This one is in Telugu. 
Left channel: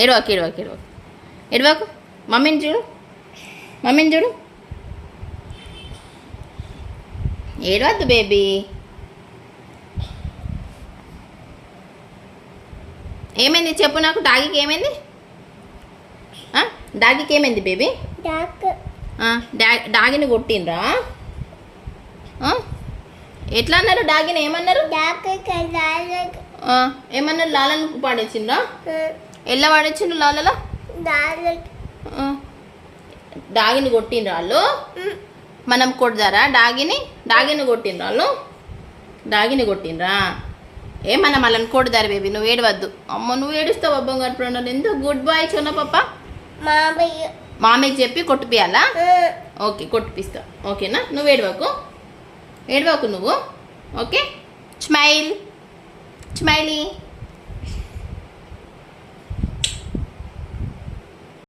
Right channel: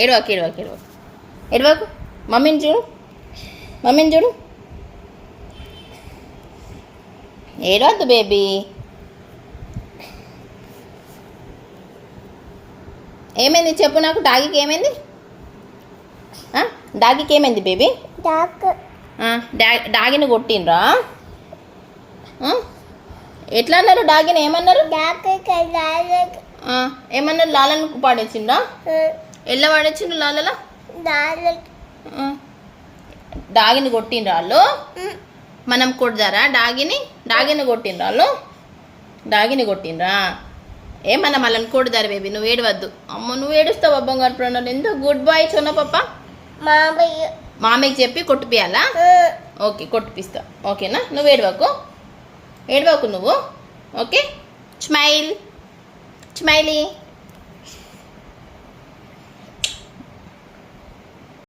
ఏడవాకు ఏడవాకు ఏడవాకు ఏడవాకు. మమ్మీని చూడు, మమ్మీని చూడు. ఏడవద్దు బేబీ. ఏమైంది చెప్పు నాకు. డాగీకి ఏమైంది? డాగీకి ఏమైంది బేబీ? డాగిని కొట్టిండ్రా? ఎట్లా అన్నారు డాగిని? ఏమన్నారు? ఏమన్నారు? లాలను పాడేసిండ్రా? ఎలా పాడేసిండ్రు లాలలో? డాగిని కొట్టిండ్రా వాళ్ళు? మనం కొడదారా డాగిని? డాగిని కొట్టిండ్రా వాళ్ళు? డాగిని కొట్టిండ్రా? మనం వాళ్ళని కొడదారు బేబీ. నువ్వు ఏడవద్దు. అమ్మ నువ్వు ఏడుస్తావు బంగారు ప్రాణాలు. ఎందుకు? గుడ్ బాయ్ చోనా పాప. మామయ్యకి చెప్పి కొట్టిపియాలా? ఓకే కొట్టిపిస్తా. ఓకేనా? నువ్వు ఏడవకు, ఏడవకు నువ్వు. Okay smile, smiley.